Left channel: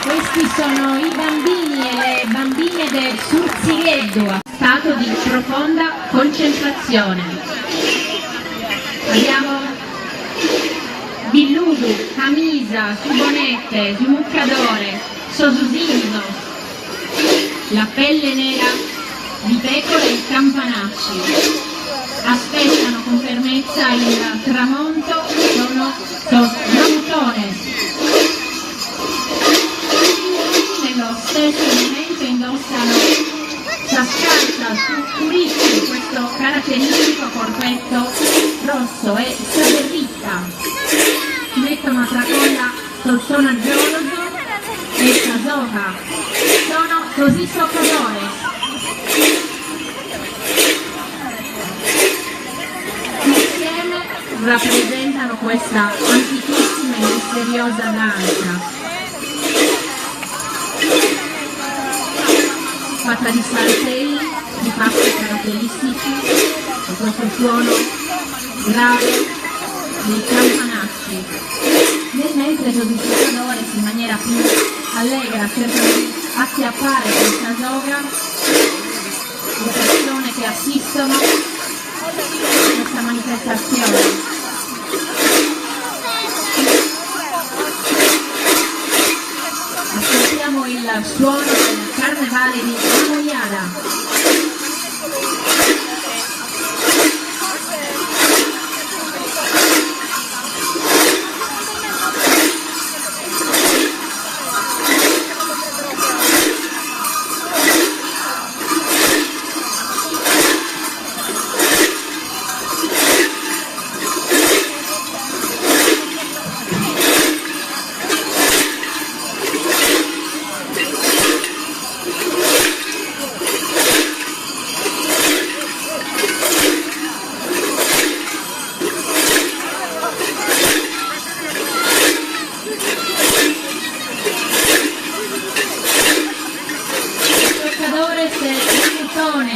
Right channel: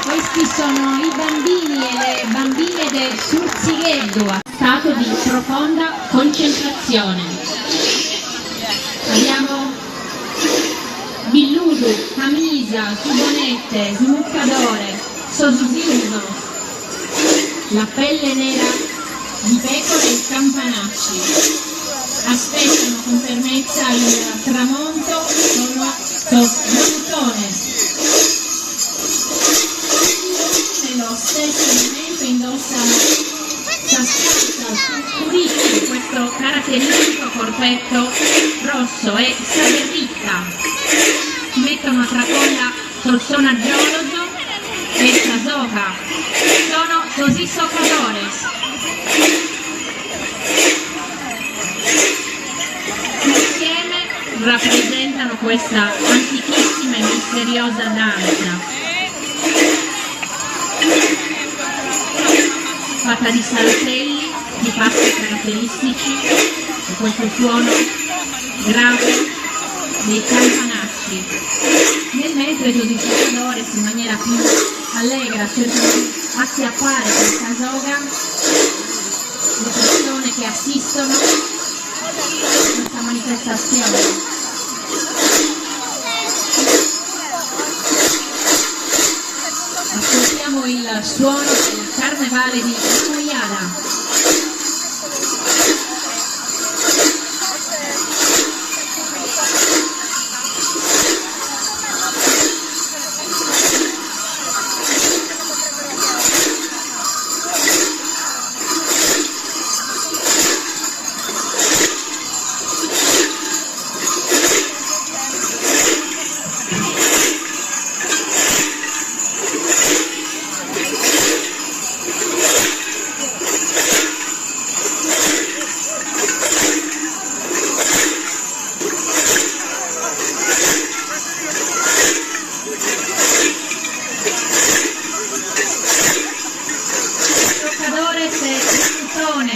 Questi sono i bambini e le bambine del Surzigheddu, stato di profonda concentrazione. Abbiamo Billudu, Camisa, Subonette, Smuccadore, Sosusinzo, la pelle nera di pecore e campanacci. Aspettano con fermezza il tramonto, sono montone. Nello stesso momento indossano sascalza su curicchi, questo caratteristico corpetto rosso, e saberritta. Si mettono a tracolla col sonaggioso e casoca. Sono così soccadores. Insieme rappresentano questa antichissima e misteriosa danza, fatta di saltelli, di passi caratteristici, di questo suono grave dei campanacci. Nel mentre i giocatori in maniera più allegra cercano di acchiappare questa soga, le persone che assistono a questa manifestazione. Ascoltiamo il suono del carnevale di Moiada.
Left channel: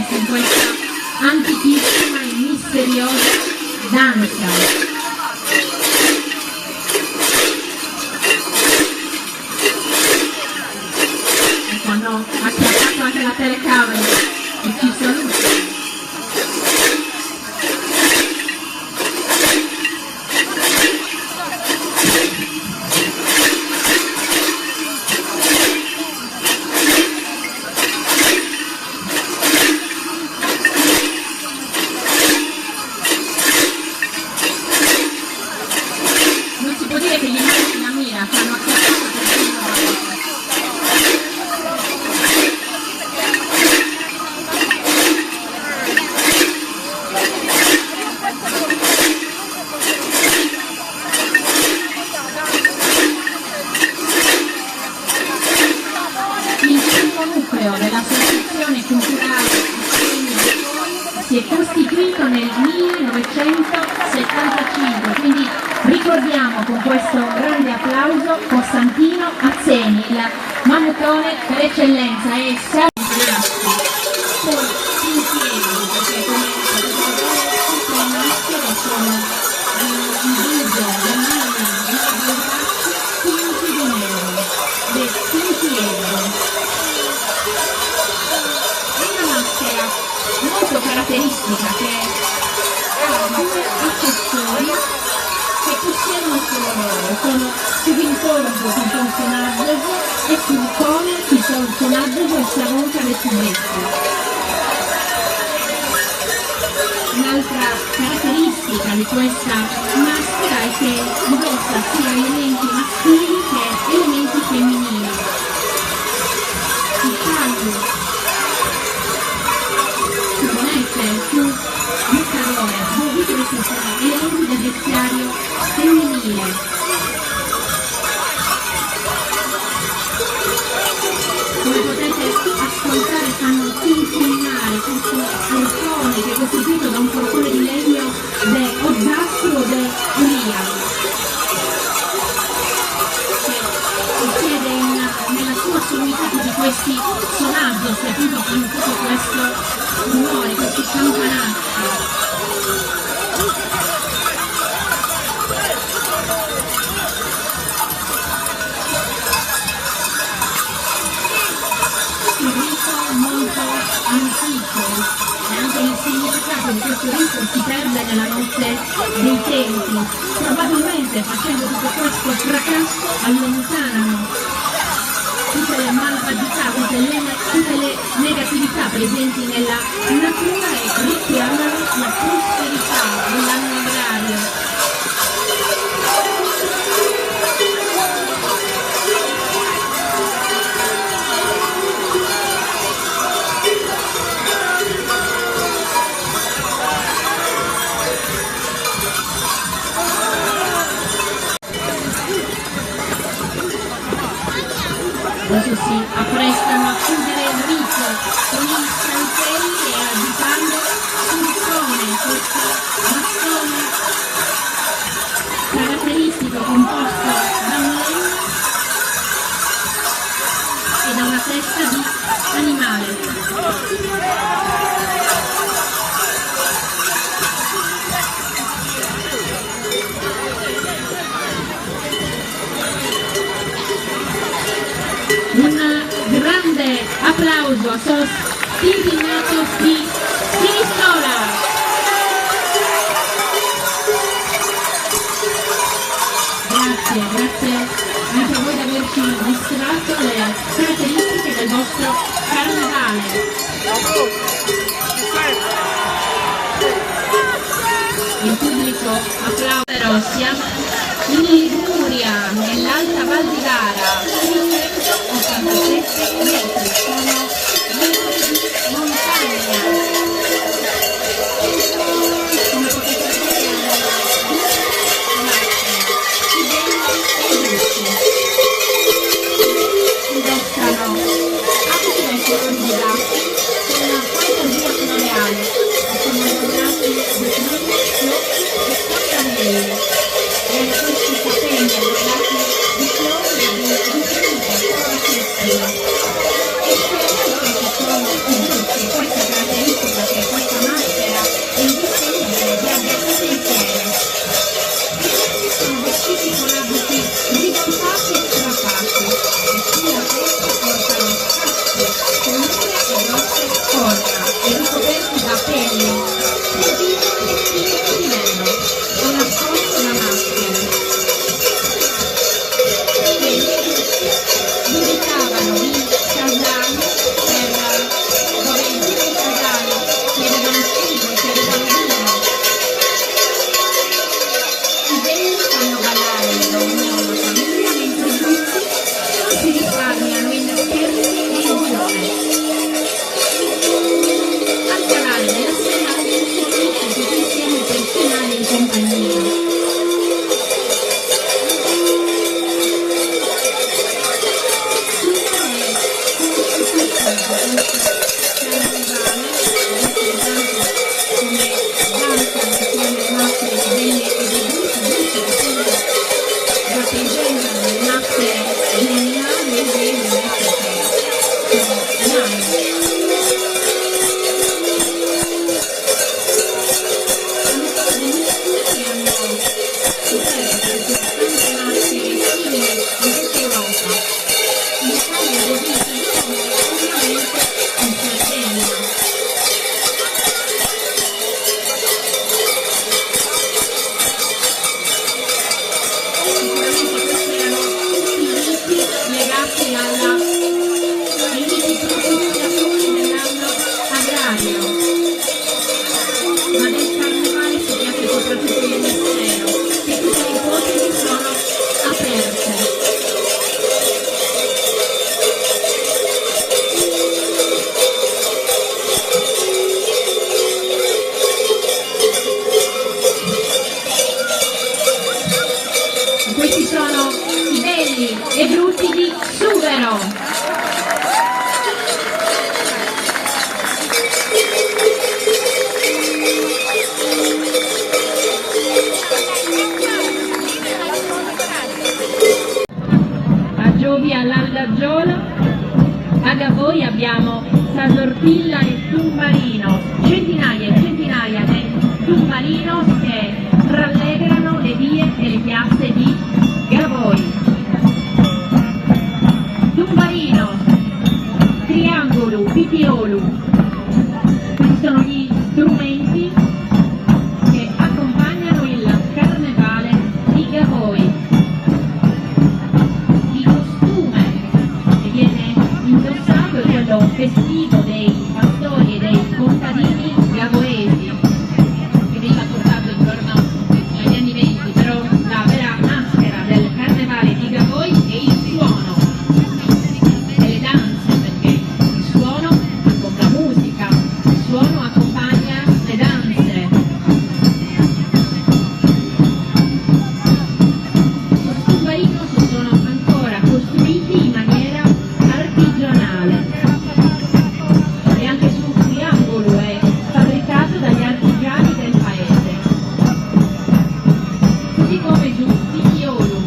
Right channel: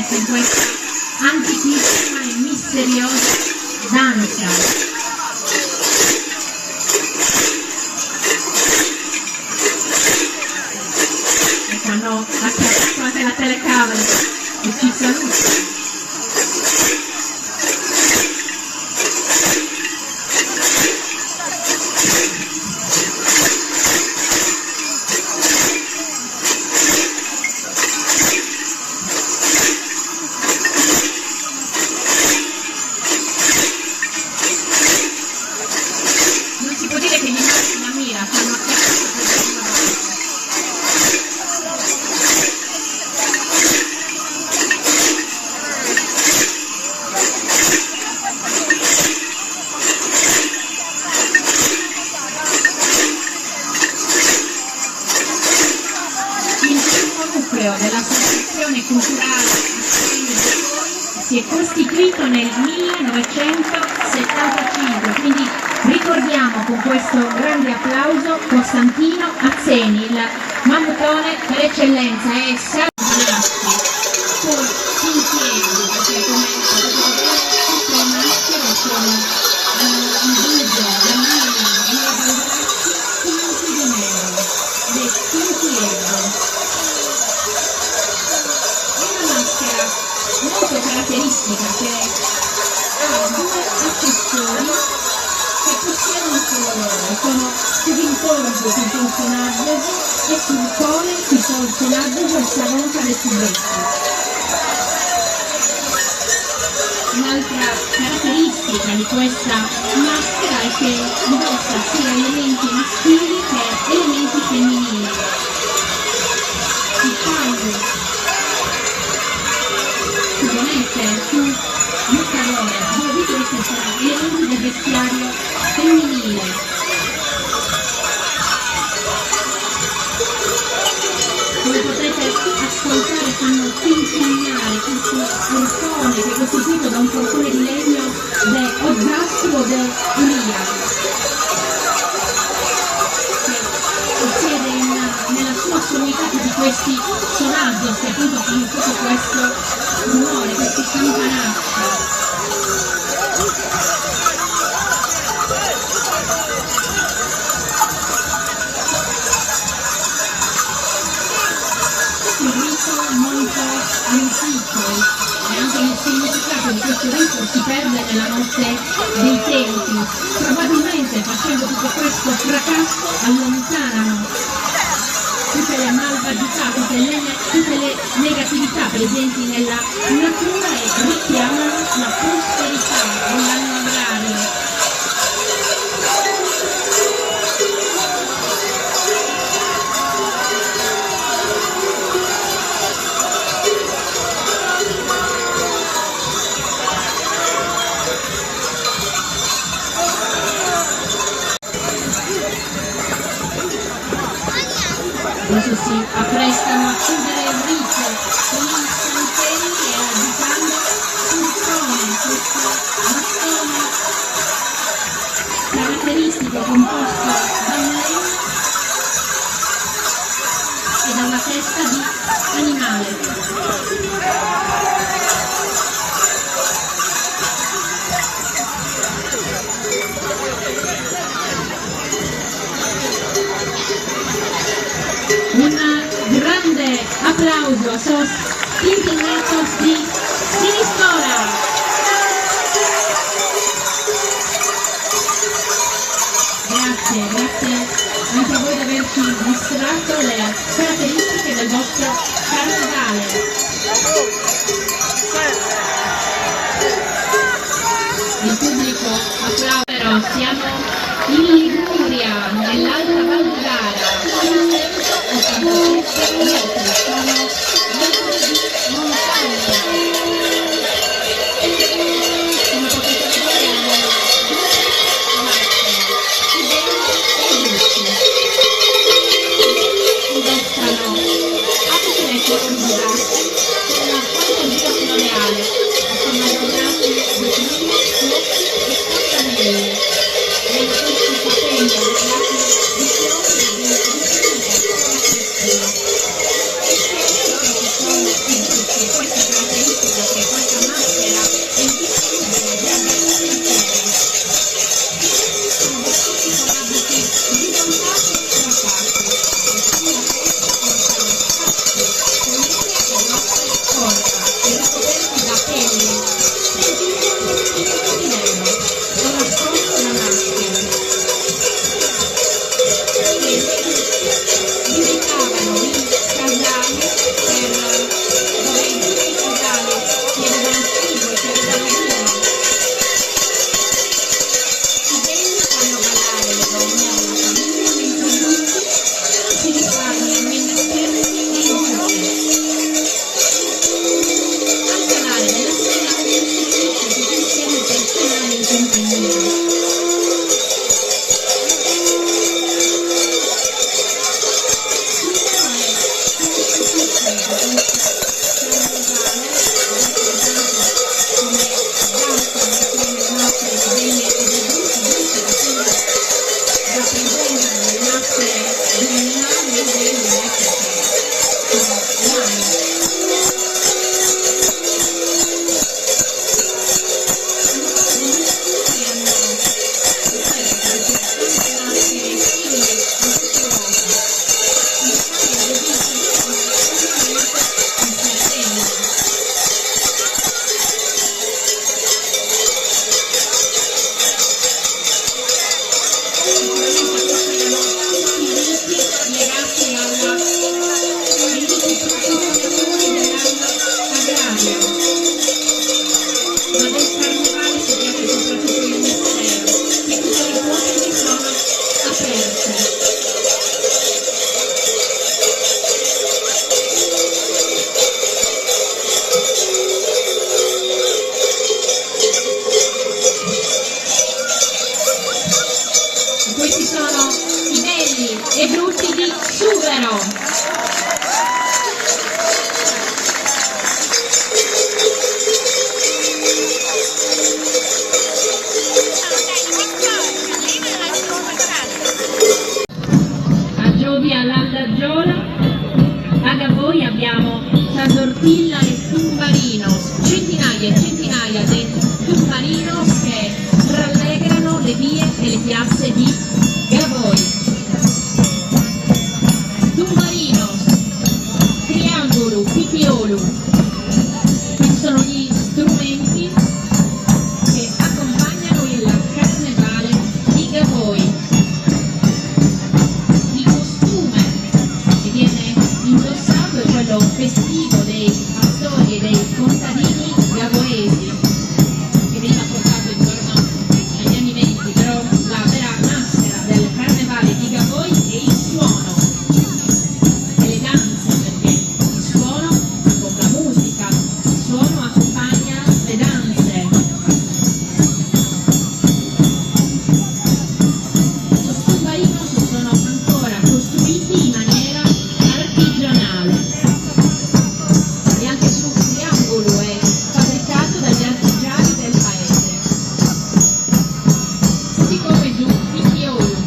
In questa antichissima e misteriosa danza. E hanno attaccato anche la telecamera e ci sono. Dell'associazione culturale si è costituito nel 1975, quindi ricordiamo con questo grande applauso Costantino Azzeni, il mamucone per eccellenza, e poi si insieme, perché come tutte le maschere sono in viso, finti di nero, le fintiere. Molto caratteristica, che ha due accessori che possiedono solo loro, sono sull'incontro sul personaggio e sul cone sul personaggio del savonca del subretto. Un'altra caratteristica di questa maschera è che indossa sia elementi maschili che elementi femminili. Il caldo più Muccadore, voi vedete vestiario femminile. Come potete ascoltare, sono quinquennali, questo portone che è costituito da un portone di legno de Ozzastro de Ulia, che siede nella sua sommità di questi sonaggi, che appunto fanno tutto questo rumore, questi campanacci. Un rito molto antico e anche il significato di questo rito si perde nella notte dei tempi. Probabilmente facendo tutto questo fracasso allontanano tutte le malvagità, tutte le negatività presenti nella natura e richiamano la prosperità dell'anno agrario. Adesso si apprestano a chiudere il rito con i santelli e agitando sul trone questo bastone caratteristico composto da un legno e da una testa di animale. Un grande applauso a sos indignados di Sinistrola. Grazie anche a voi di averci mostrato le caratteristiche del vostro carnevale. Il pubblico applaude, però siamo in Liguria, nell'Alta Val di Gara, 87 metri, sono metri di montagna. Come potete vedere hanno due macchine, studenti e adulti. Investono architetti autodidatti con fantasia surreale, sono adornati di colori rossi e cammelli. E questi capelli adornati di fiori e di infinite forme. E chiaramente ci sono i buchi, questa caratteristica che questa maschera è indistinguibile da alcune fiere. I ragazzi sono vestiti con abiti rivoltati e strapati, e sulla testa portano caschi con lunghe e grosse corna e ricoperti da pelle, pregiudizi e livello, e nascosto la maschera. Indicavano il casario dove i due casali che avevano figli, che avevano vino. I belli fanno ballare le donne alla famiglia, mentre i brutti si risparmiano in scherzi e in giochi. Al canale della sera un servizio tutto insieme personale in compagnia. Hanno e frutti di sughero. A Giovi all'Andaggione, a Gavoi abbiamo Sasortilla e Tumbarinos, centinaia e centinaia di Tumbarinos che rallegrano le vie delle piazze di Gavoi. Tumbarinos, triangolo, pipiolo, sono gli strumenti che accompagnano il carnevale di Gavoi. Il costume che viene indossato è quello festivo dei pastori e dei contadini gavoesi, che veniva portato intorno agli anni 20, però la vera maschera del carnevale di Gavoi è il suono e le danze, perché il suono con la musica, il suono accompagna le danze. I tumbarinos sono ancora costruiti in maniera artigianale e anche sul triangolo è fabbricato dagli artigiani del paese, così come sul pipiolo.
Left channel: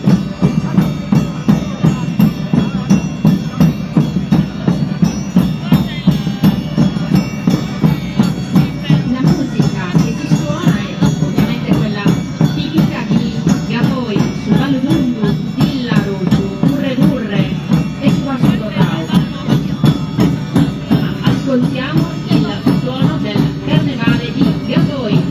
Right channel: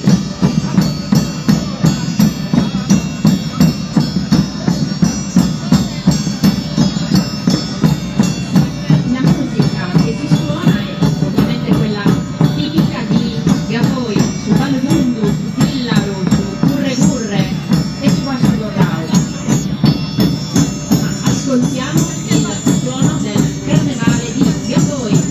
La musica che si suona è ovviamente quella tipica di Gavoi, su Valmundu, su Villaru, su Curre Curre e su Ascodorrao. Ma ascoltiamo il suono del carnevale di Gavoi.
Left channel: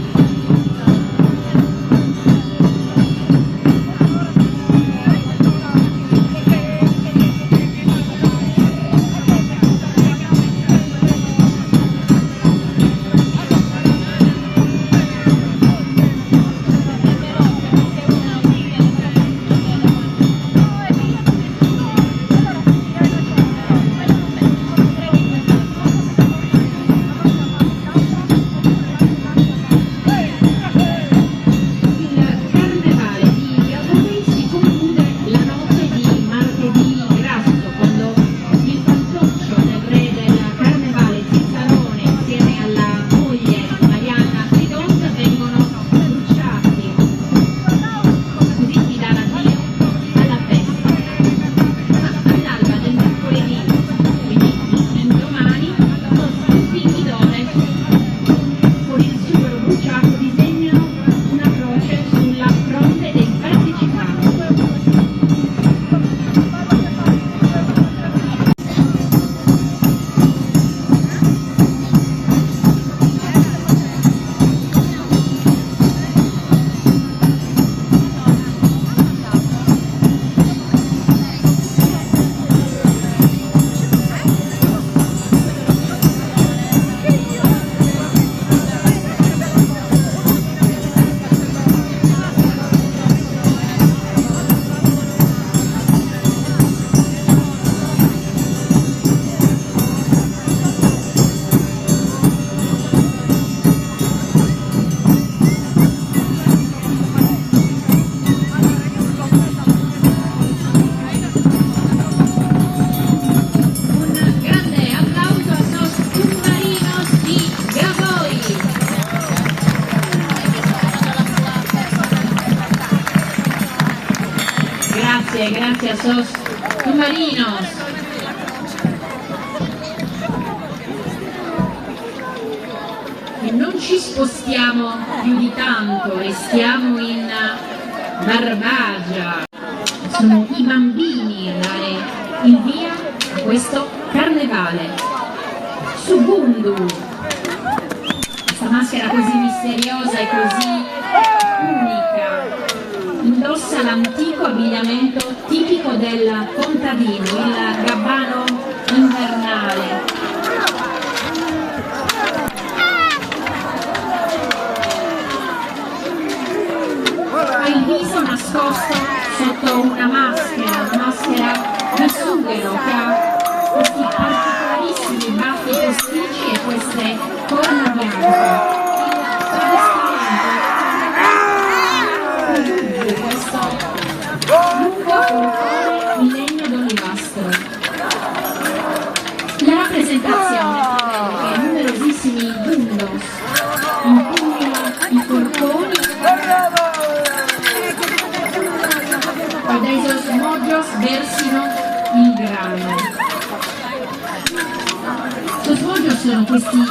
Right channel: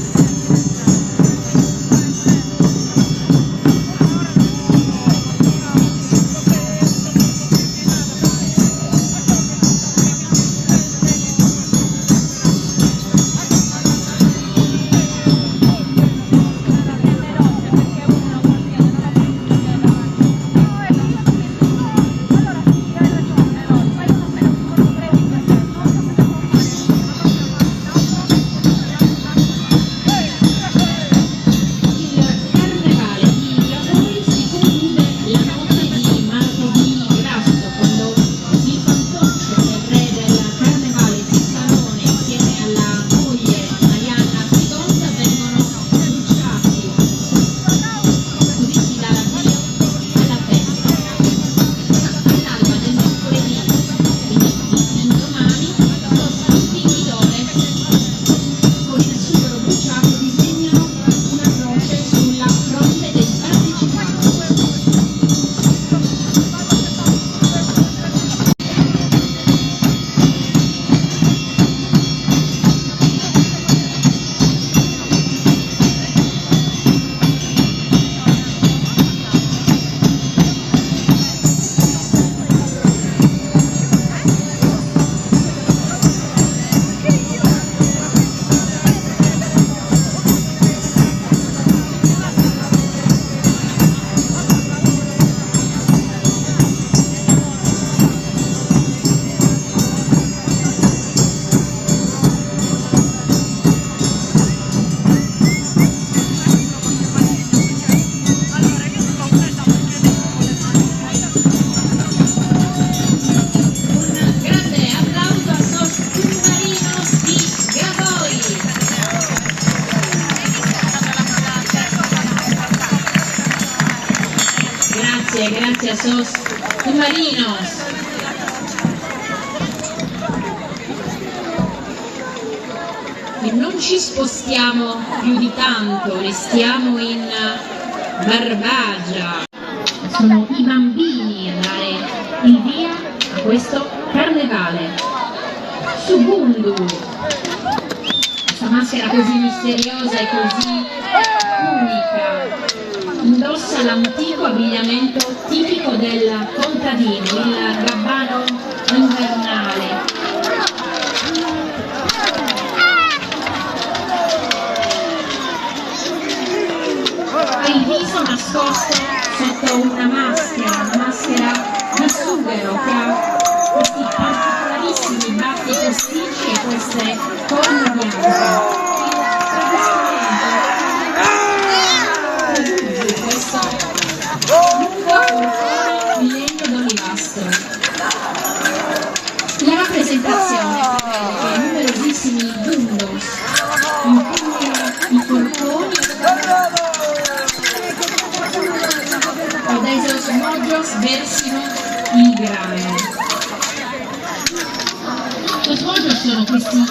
Il carnevale di Gavoi si conclude la notte di martedì grasso, quando il fantoccio, il re del carnevale Cicciarone, insieme alla moglie Marianna Seconda, vengono bruciati. Così si dà l'addio alla festa. All'alba del mercoledì, quindi l'indomani, tutti i dove con il sughero bruciato disegnano una croce sulla fronte dei partecipanti. Un grande applauso a SOS Tumbarinos di Gavoi. Grazie a SOS Tumbarinos. E non ci spostiamo più di tanto, restiamo in Barbagia. Sono i bambini a dare il via a questo carnevale. Subundu, questa maschera così misteriosa e così unica, indossa l'antico abbigliamento tipico del contadino, il gabbano invernale. E il viso nascosto sotto una maschera di sughero che ha questi particolarissimi baffi posticci e queste corna bianche. Il travestimento produce questo lungo colore in legno e dai osmodios versino il grano. Gli osmodios sono questi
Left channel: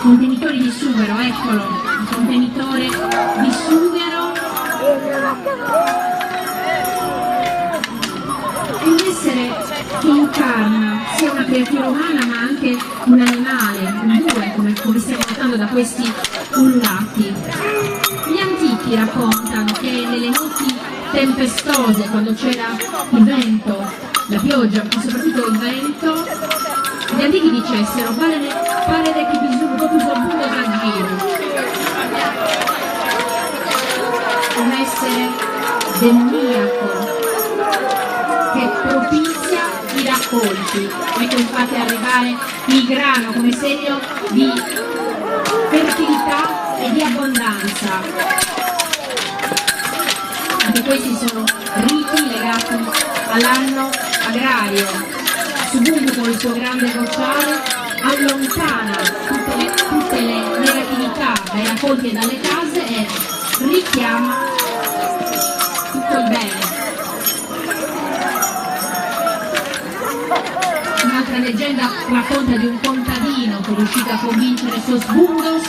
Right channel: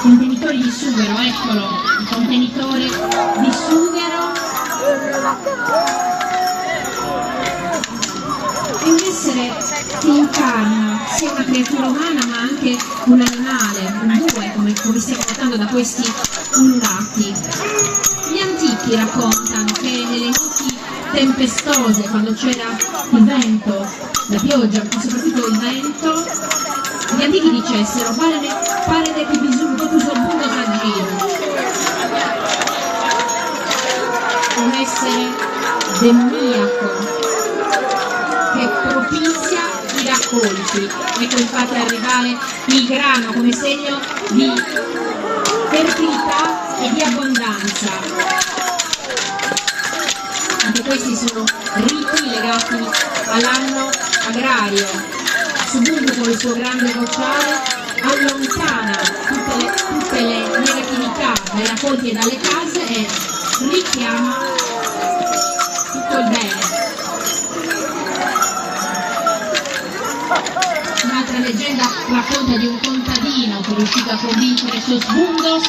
contenitori di sughero, eccolo, il contenitore di sughero. È un essere che incarna sia una creatura umana ma anche un animale, un bue, come stiamo notando da questi ullati. Gli antichi raccontano che nelle notti tempestose, quando c'era il vento, la pioggia, ma soprattutto il vento, gli antichi dicessero pare che bisogna proprio sorbundo da giro. Un essere demoniaco che propizia i raccolti. Ecco infatti arrivare il grano come segno di fertilità e di abbondanza. Anche questi sono riti legati all'anno agrario. Subungo con il suo grande vociare allontana tutte le negatività dai raccolti e dalle case e richiama tutto il bene. Un'altra leggenda racconta di un contadino che è riuscito a convincere Sosbungos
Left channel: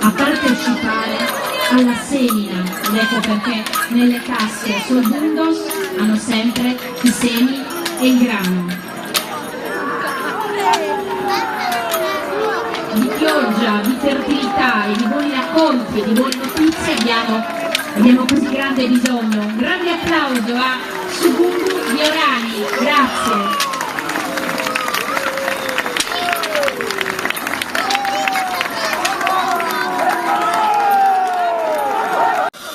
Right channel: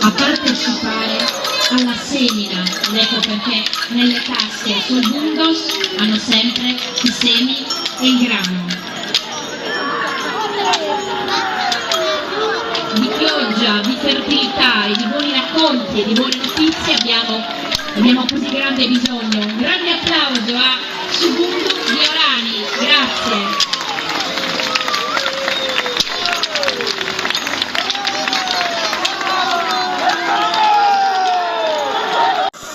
a partecipare alla semina, ed ecco perché nelle tasche Sosbungos hanno sempre i semi e il grano. Di pioggia, di fertilità e di buoni racconti e di buone notizie abbiamo così grande bisogno. Un grande applauso a Subundu di Orani, grazie.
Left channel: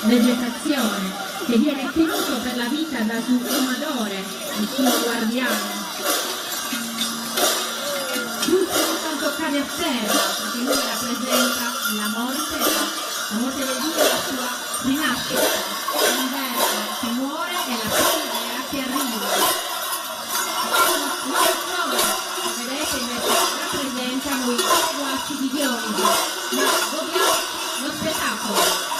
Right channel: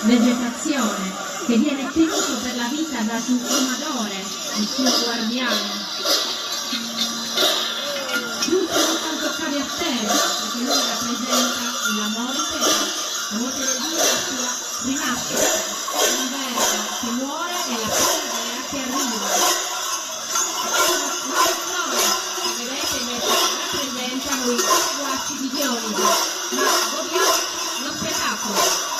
Vegetazione che viene tenuto per la vita da suo domadore, il suo guardiano. Tutto non toccare a terra, perché lui rappresenta la morte del Dio e la sua rinascita, l'inverno che muore e la primavera che arriva. La flora, che vedete invece rappresentano i guacci di Dioniso, ma godiamo lo spettacolo.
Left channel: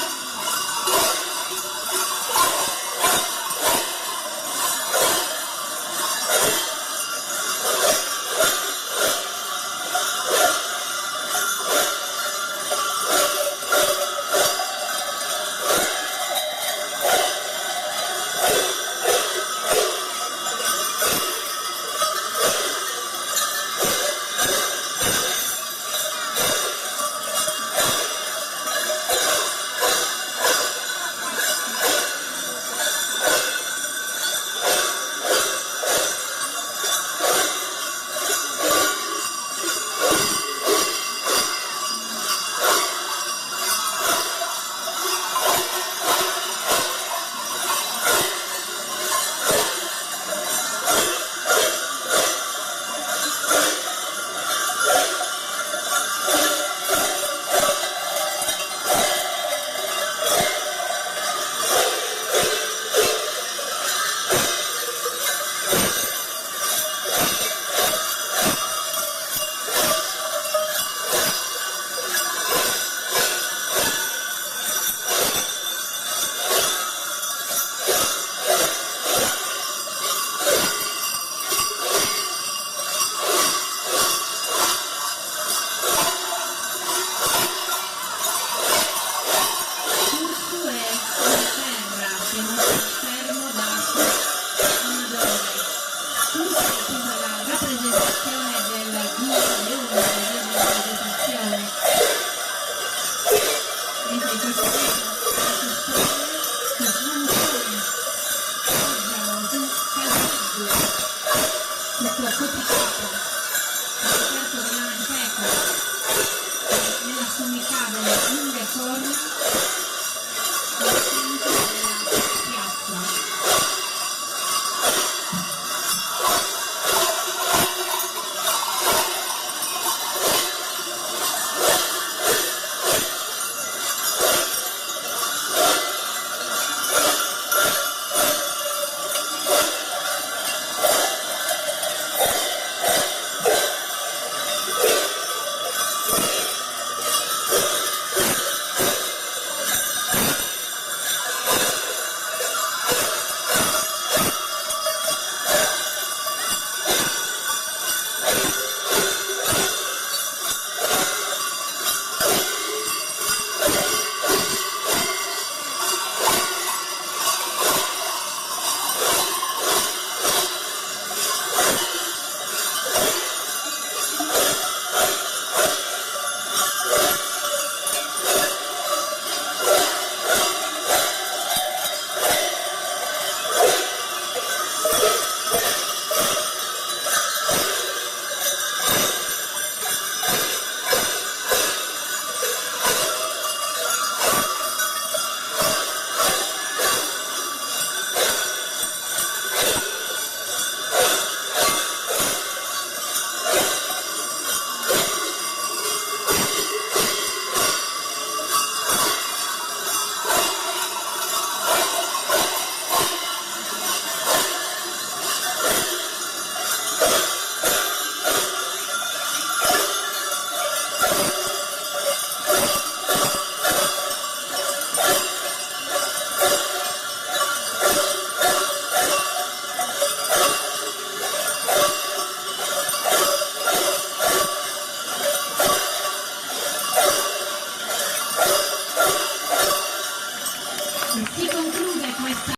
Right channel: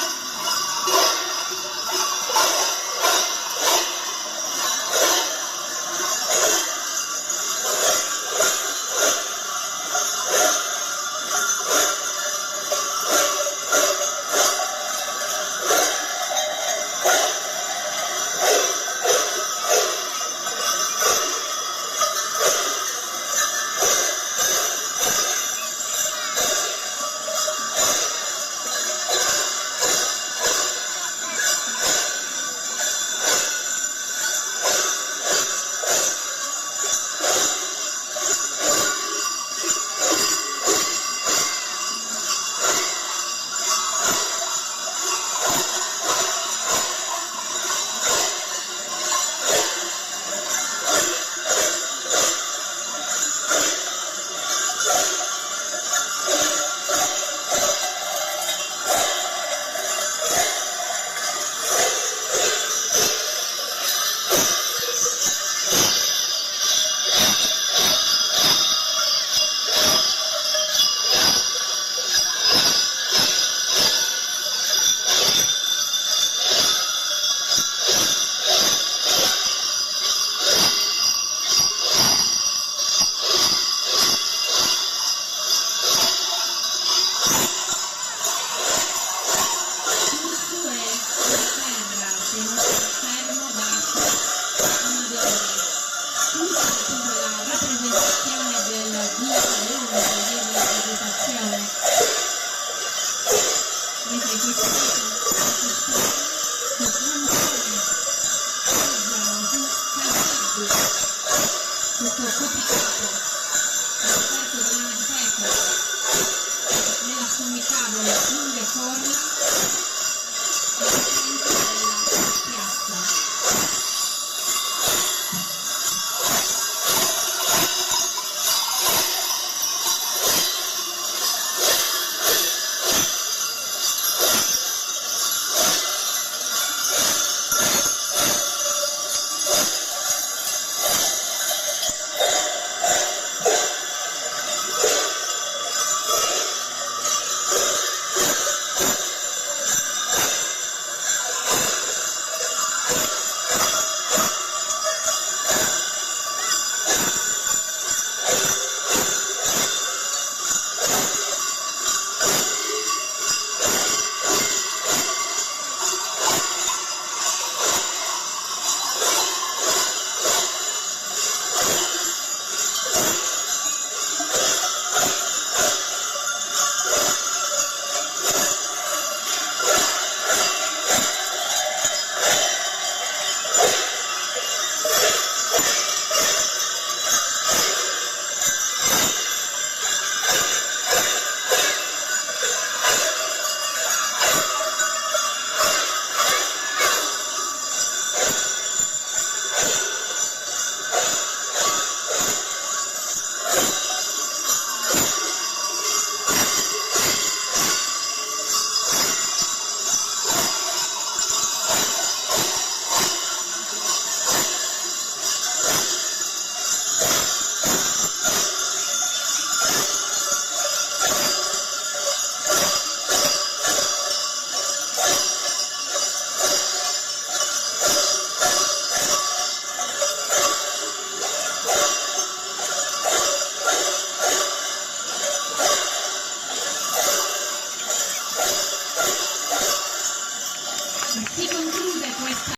Si conclude questa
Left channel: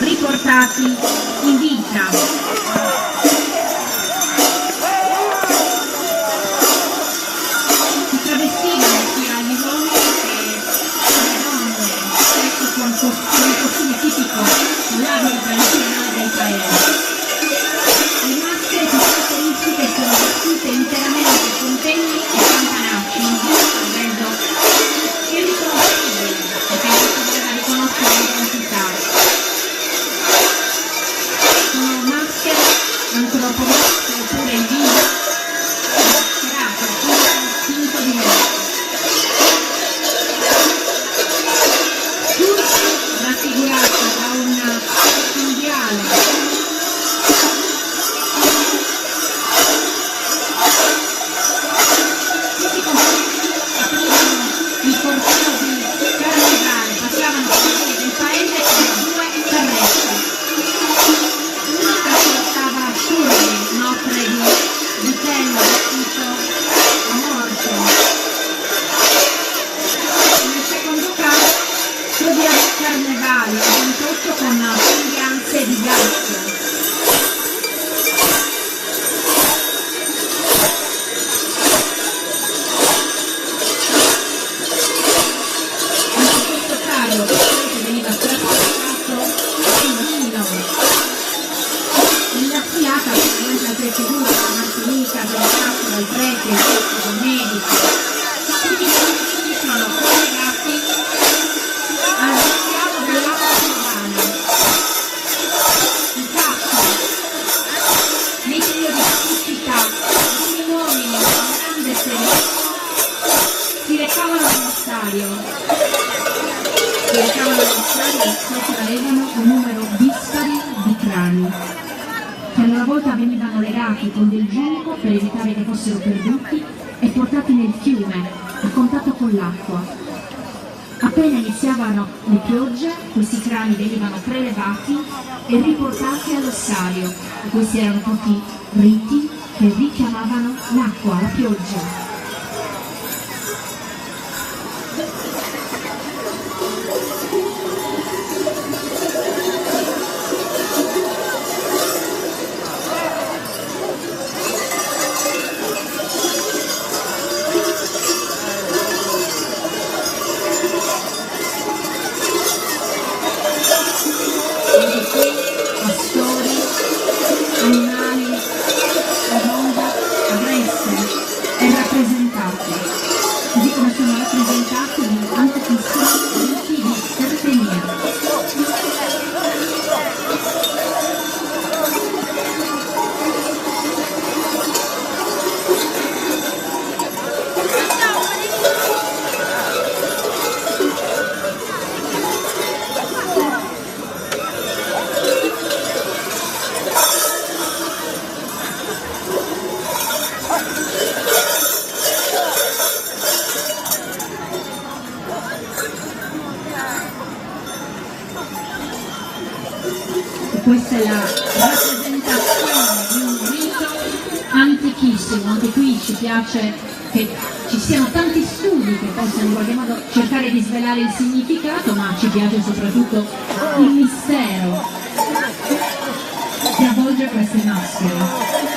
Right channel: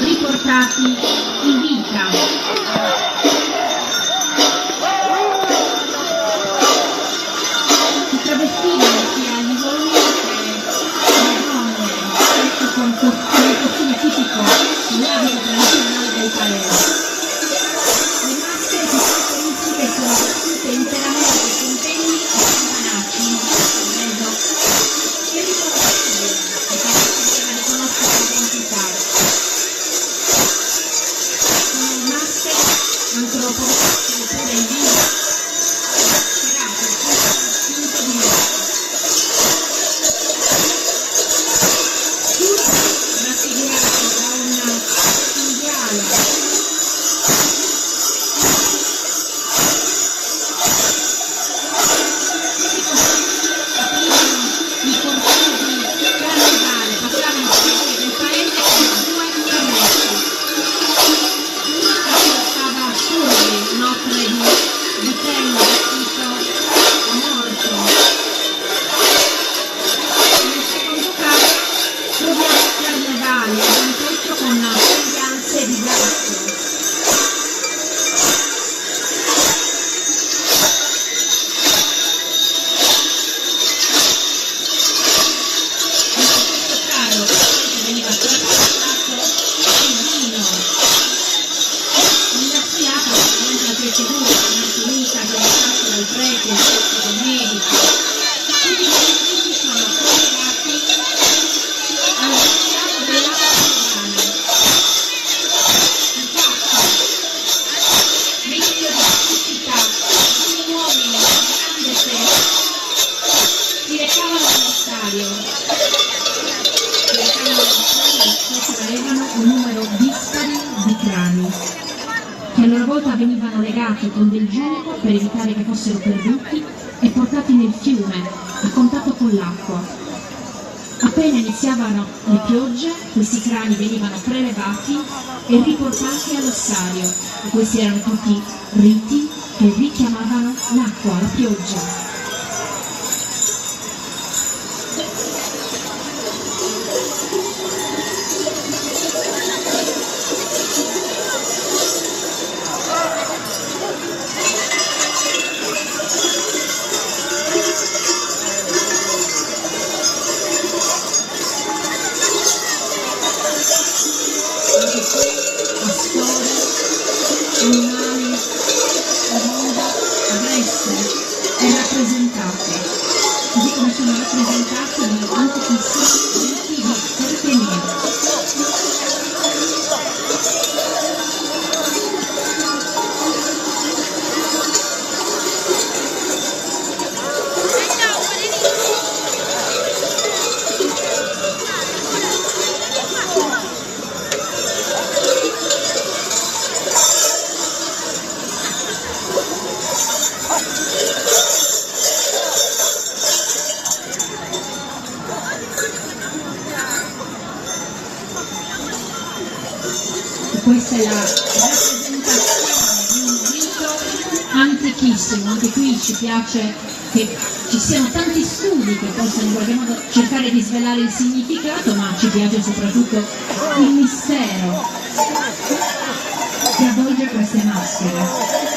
riportati in vita. Si travestivano sia a Livorno che a Livorno, spesso con costume tipico dell'abito tradizionale del paese. Le maschere più caratteristiche sono vestite interamente con penni e campanacci in vedo che riconoscibili e che non si poteva riconoscere l'identità. Sono maschere antropometriche oppure in viso mascherate, finito di morte. Tutti raffigurati da un cinghiale carnevali, un tetto con sembianze di ghiaccio. Anche questo carro che veniva trasportato in vino. Nella fiata c'erano anche altre figure, la Martinica, che era fatto dal prete, il medico. Tutti i figli sono collegati al rituale dell'acqua romana. Infatti, nei periodi di siccità, alcuni uomini di grande ferocia si recavano all'ostario. Sopra avevano un numero dispari di crani, che a loro volta venivano legati con del giunco per evitare che fossero perduti e portati nel fiume a contatto con l'acqua. Appena iniziavano le piogge, questi crani venivano prelevati e riportati all'ossario. E questi erano tutti riti che richiamavano l'acqua, la pioggia. Animali, mondo, adesso è rappresentato, così come sono rappresentati gli antichissimi riti di Tartenia. Questa è la rappresentazione di un rito antichissimo. Anche qui ci piace che ci siano tanti studi che possano in qualche modo cercare di svelare il significato, ma ci piace soprattutto il mistero che avvolge queste maschere.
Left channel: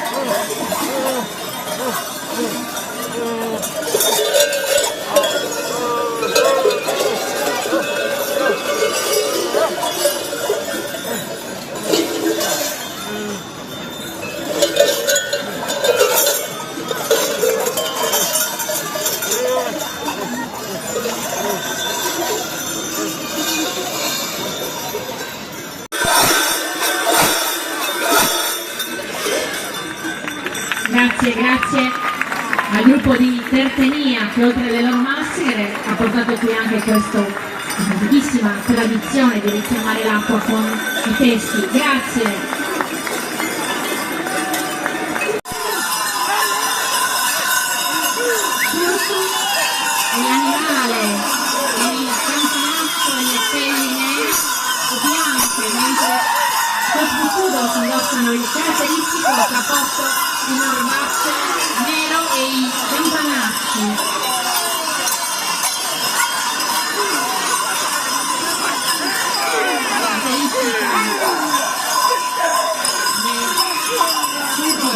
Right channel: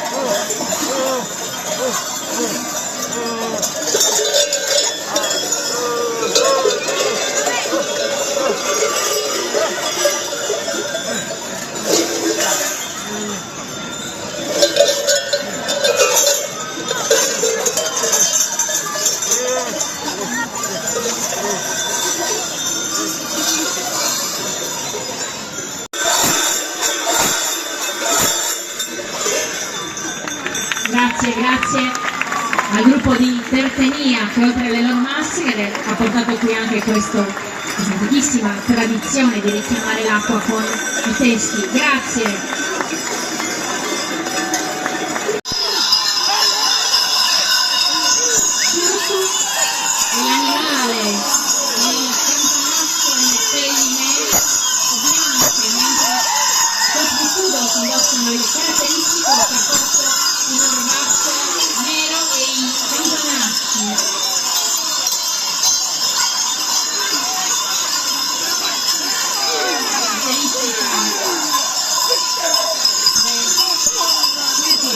Grazie al gruppo di Tartenia che oltre alle loro maschere ha portato qui anche questa antichissima tradizione di richiamare l'acqua con i testi. Grazie. L'animale, il campanaccio, le penne nere e bianche, mentre questi kudos indossano il caratteristico cappotto in orbace nero e i campanacci.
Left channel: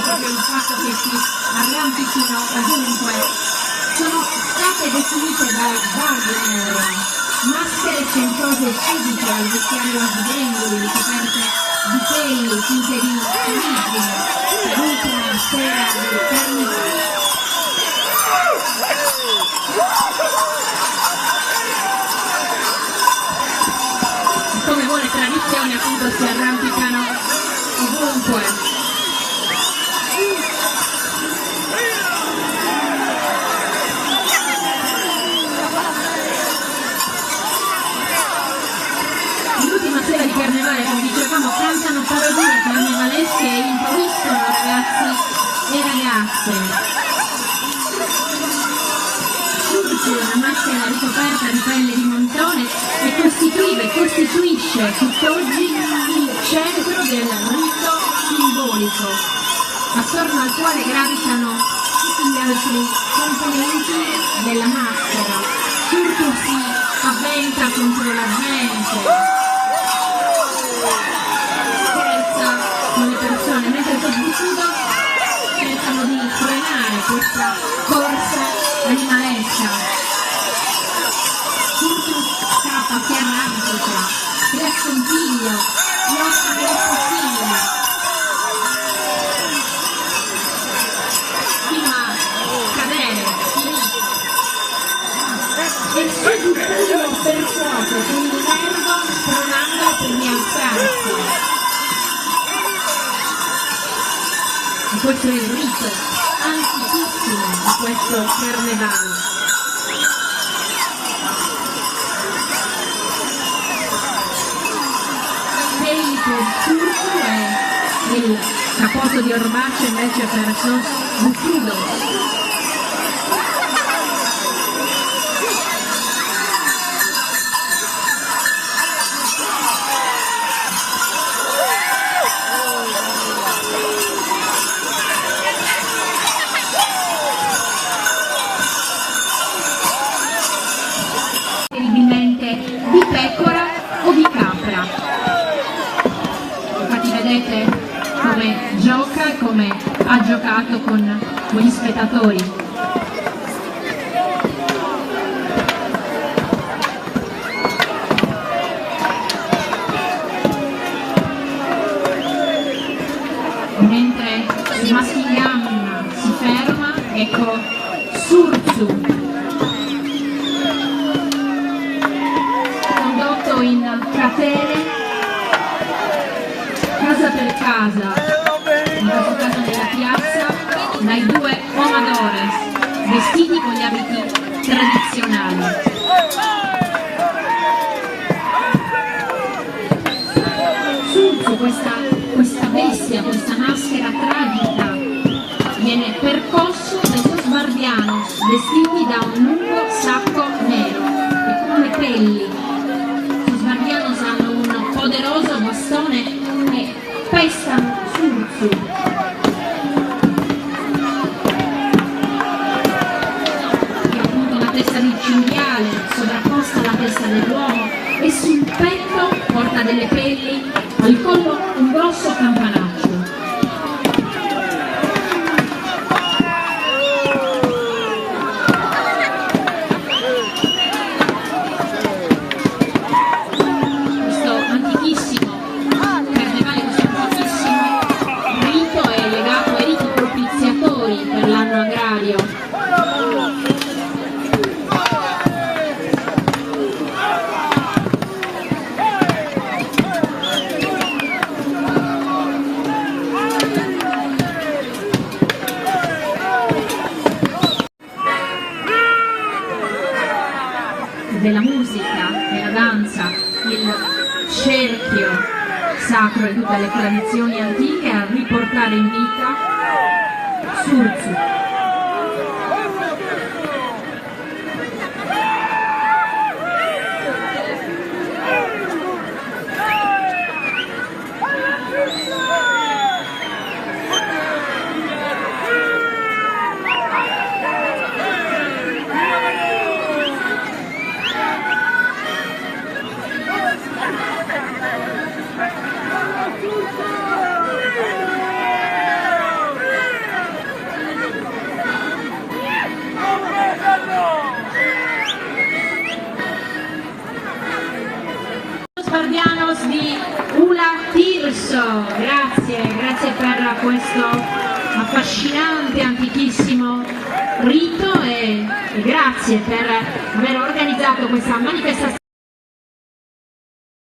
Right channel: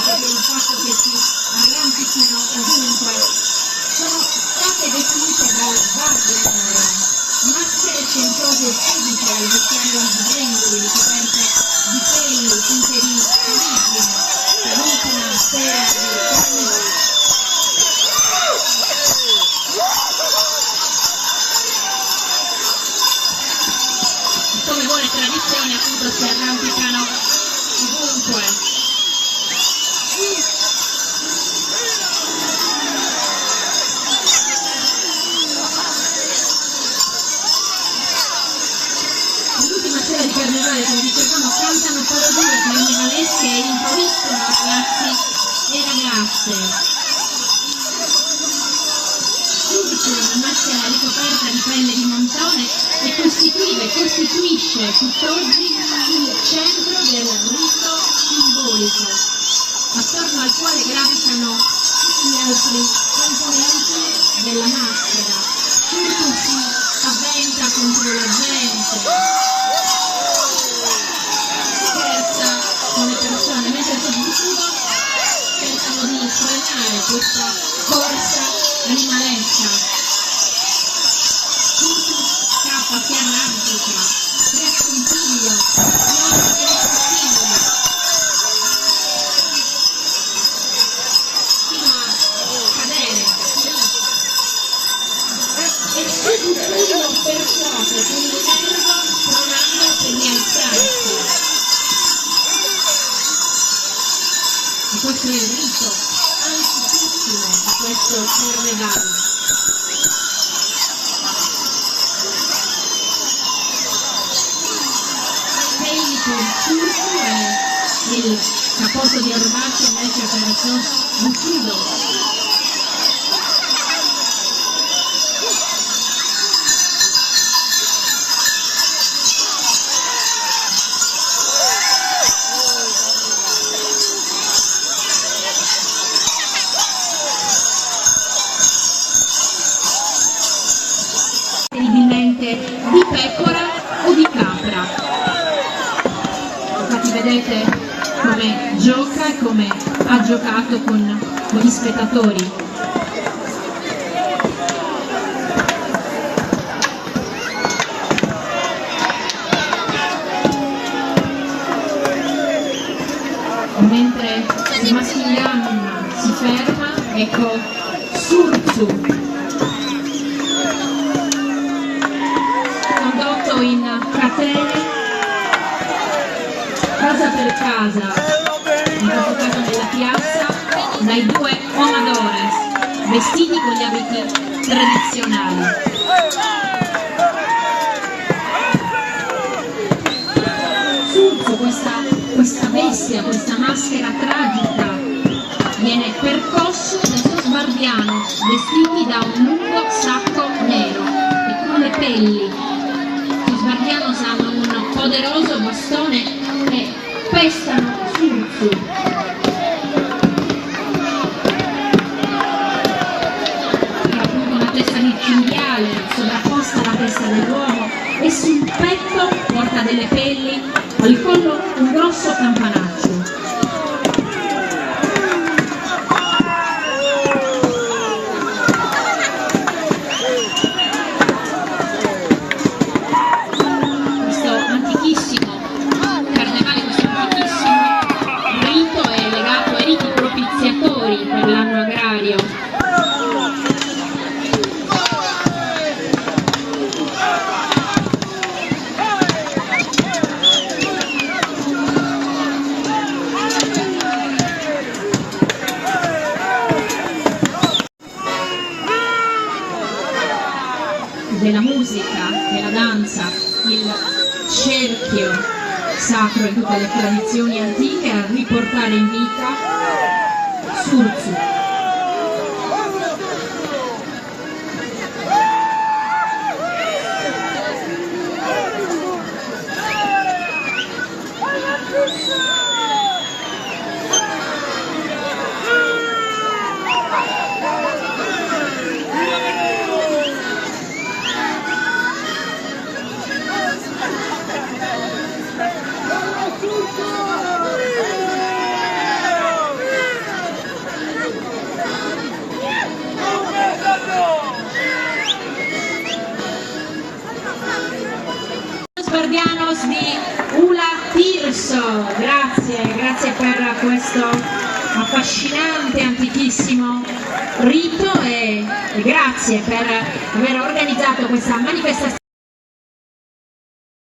Proprio il fatto che si arrampichino ovunque. Sono state definite dal Wagner maschere centose e sudiche al vestiario sbrendoli, coperte di peli, tinte di origine, per l'ultima sera del carnivoro. Come buone tradizioni appunto si arrampicano ovunque. L'ultima sera di carnevale, come dicevamo, cantano parodie carnevalesche e improvvisano ragazzi e ragazze. Subito una maschera ricoperta di pelle di montone e costituisce tutt'oggi il centro del rito simbolico, attorno al quale gravitano tutti gli altri componenti della maschera. Tutto si avventa contro la gente, scherza con le persone, mentre il chiudo cercano di frenare questa corsa animalesca. Tutto scappa, si arrampica, si assomiglia, si offre dei consigli, fino a cadere lì. E subito persuase con il nervo, pronandolo per rialzarsi. E questo è il rito antichissimo di questo carnevale. Peli per turco e il cappotto di orbace invece per los bucudos. vedrete come gioca e come ha giocato con gli spettatori. Mentre Massimiliano si ferma, ecco Surzu, condotto in cratere, casa per casa, in questo caso nella piazza, dai due omadores, vestiti con gli abiti tradizionali. Surzu, questa bestia, questa maschera tragica, viene percosso dai suoi sbardianos vestiti da un lungo sacco nero e con le pelli. Gli sbardianos hanno un poderoso bastone e pestano Surzu. Che ha appunto una testa di cinghiale sovrapposta alla testa dell'uomo e sul petto porta delle pelli, al collo un grosso campanaccio. Questo antichissimo carnevale, questo antichissimo rito è legato ai riti propiziatori per l'anno agrario. Della musica, della danza, il cerchio sacro e tutte le tradizioni antiche a riportare in vita Surzu. Sbardianos di Ula Tirso, grazie per questo affascinante antichissimo rito e grazie per aver organizzato questa manifestazione.